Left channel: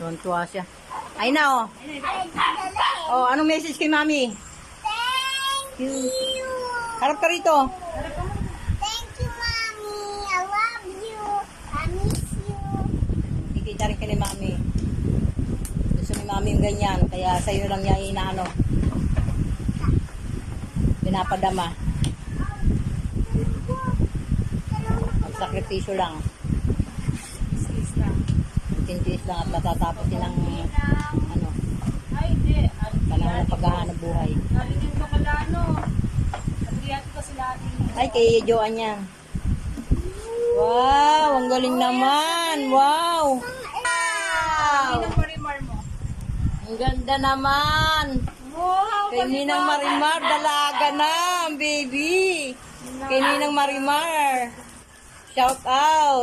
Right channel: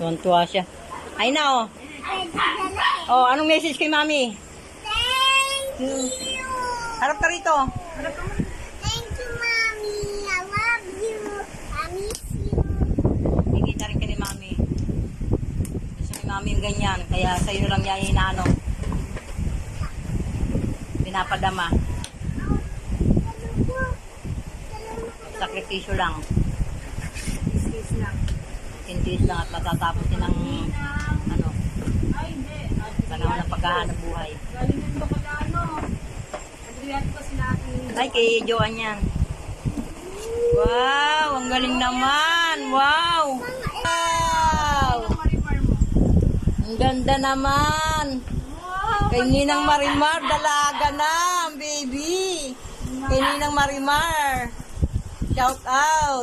Tuwan-tuwa siya. Ay na, oh. Oh, anong message kay Mami? Thank you. Harap ka rito. Thank you, Mommy. I love you. I miss you. Kikita rin kay Mami. Gusto ni Mami yung ganyan. Kaya sa'yo lang niya inaano. Pinapadama. Sakripisyo lang. Kiss lang. Tintis lang at matatapos din ng ano, Ay, hindi. panahon ng paghahanap buhay. Galing yung bakala, ano. Adriat kasi natin. Ay, kay Joan yan. Wow, ang galing naman. Wow. Wow. Ang parimar mo. Ang ganda naman. Wow! Kay Ninang Marimar, dalaga na, baby. Kay Ninang Marimar. Shout out.